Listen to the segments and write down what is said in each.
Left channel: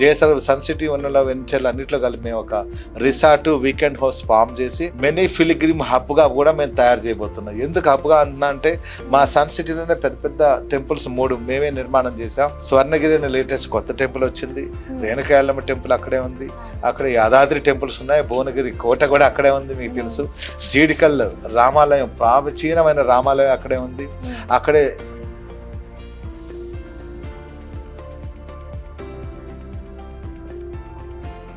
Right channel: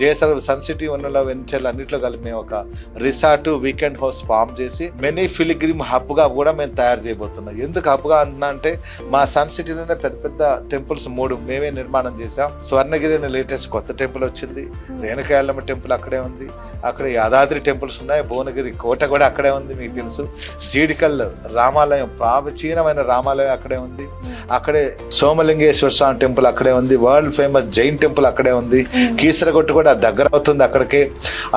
JSR sun city ఉన్నలో వెంచర్లు అన్నింటిలో కలిపి మేము ఒక రిసార్ట్ వీకెండ్ హౌస్ ఫామ్ చేసి మినీ ఫిలిగ్రిమ్ హబ్ గా కూడా మేము తయారు చేయబోతున్నాం. ఎందుకు హబ్ గా అంటున్నా అంటే మా సన్ సిటీలోనే పెద్ద పెద్ద టెంపుల్స్ 3 మేమే నిర్మాణం చేసాం. స్వర్ణగిరి అనే లేటెస్ట్ కొత్త టెంపుల్ వచ్చింది, రేణుకాయలమ్మ టెంపుల్ అక్కడే ఉంది, అక్కడ యాదాద్రి టెంపుల్స్ ఉన్నాయి, భువనగిరి కోట కూడా అక్కడే ఉంది మీకు తెలుసు, జీడికల్ రామాలయం ప్రాచీనమైన రామాలయం అక్కడే ఉంది, అక్కడే సోమలింగేశ్వర స్వామి టెంపుల్ అక్కడే ఉంది, వరల్డ్ ఫేమస్ జైన్ టెంపుల్ అక్కడే ఉంది, కీసరగొట్టు కూడా దగ్గర అవుతుంది అక్కడికి,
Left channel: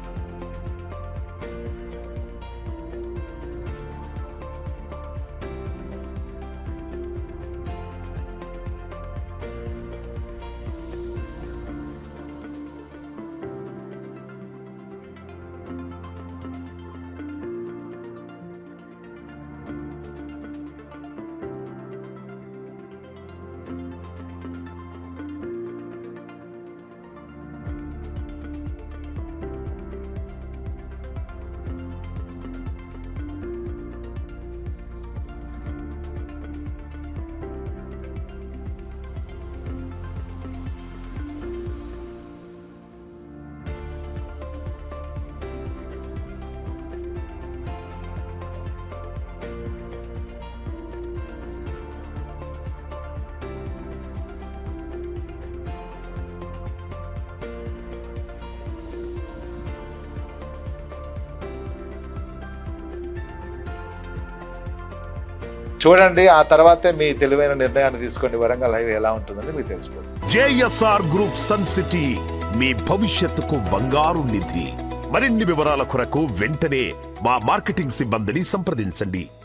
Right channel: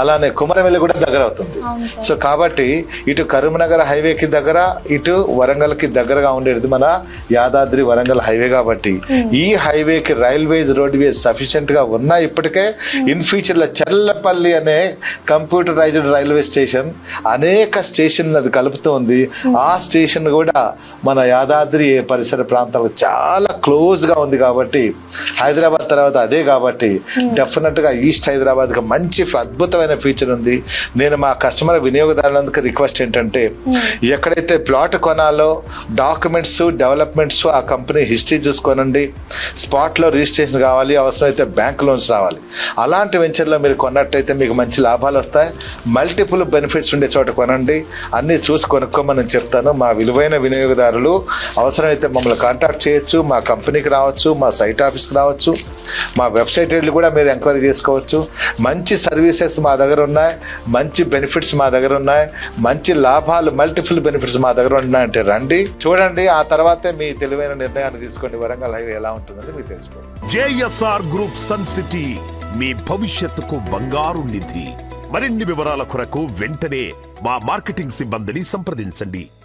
అలానే కుమరవెల్లి కూడా దగ్గర అవుతుంది. సో కాబట్టి ఇటు కరీంనగర్ హైవేకి దగ్గర, ఇటు వరంగల్ కి దగ్గరగా ఉండేది మన యాదాద్రి వరంగల్ హైవే. కాబట్టి ఈ హైవేకి రైల్వేస్ రోడ్వేస్ సఫిషియెంట్ గా ఉన్నాయి ఇప్పటికే. ఇన్ ఫ్యూచర్ లో చెల్లపల్లి అనే కంప్యూటరైజ్డ్ రైల్వే స్టేషన్ అనేక స్టేషన్ అది కలుపుతూ ఉంది. ఆ స్టేషన్ కూడా మన యాదాద్రి పరిసర ప్రాంతాలకు చాలా క్లోజ్ గా ఉంది. కాబట్టి హైదరాబాద్ తర్వాత అదే కాబట్టి డెఫినెట్ గా ఈస్ట్ హైదరాబాద్ కి మంచి అద్భుతమైన ఫీచర్ ఉంది. నేను మా కస్టమర్ వినియోగదారులందరికీ రిక్వెస్ట్ ఏంటంటే ఎక్కడైతే ప్లాట్ కొనాలో డాక్యుమెంట్స్ డెవలప్మెంట్స్ ఆ కంపెనీ హిస్టరీ చూసుకోనండి, స్పాట్ లో రిజిస్ట్రేషన్ కావాలి, అవసరమైతే బ్యాంక్ లోన్స్ రావాలి. అలాంటి వెంచర్లో మీరు కొన్నట్టయితే మీకు మంచి లాభాలు వస్తాయి. మల్టిపుల్ బెనిఫిట్స్ ఉండే చోట కొనండి, అన్ని చూసి కొనుక్కోమని నేను చెప్తాను. మా విలువైన వినియోగదారులు అవసరమైతే మమ్మల్ని కాంటాక్ట్ చేయొచ్చు, మా కంపెనీకి రావచ్చు, మా సైట్ ఆఫీస్కి రావచ్చు, మా వెబ్సైట్ వెళ్ళి కూడా మీరు ఎంక్వైరీ చేసుకోవచ్చు. మంచి సర్వీసెస్ మా దగ్గర ఉన్నాయి, మంచి బెనిఫిట్స్ మా దగ్గర ఉన్నాయి, మంచి లాభాలు మల్టిపుల్ బెనిఫిట్స్ మా దగ్గర ఉన్నాయంటే రండి, చూడండి. ఆ తర్వాతే మీ తెలివైన నిర్ణయాన్ని తీసుకోండి. వరంగల్ హైవే ఎలా ఉంటుందని మీకు తెలిసిపోతుంది. జేఎస్ఆర్ గ్రూప్ సన్ సిటీ మీ భవిష్యత్తుకు బంగారు నిధి. మరిన్ని వివరాల కొరకు వెంటనే మా మార్కెటింగ్ సిబ్బందిని సంప్రదించండి.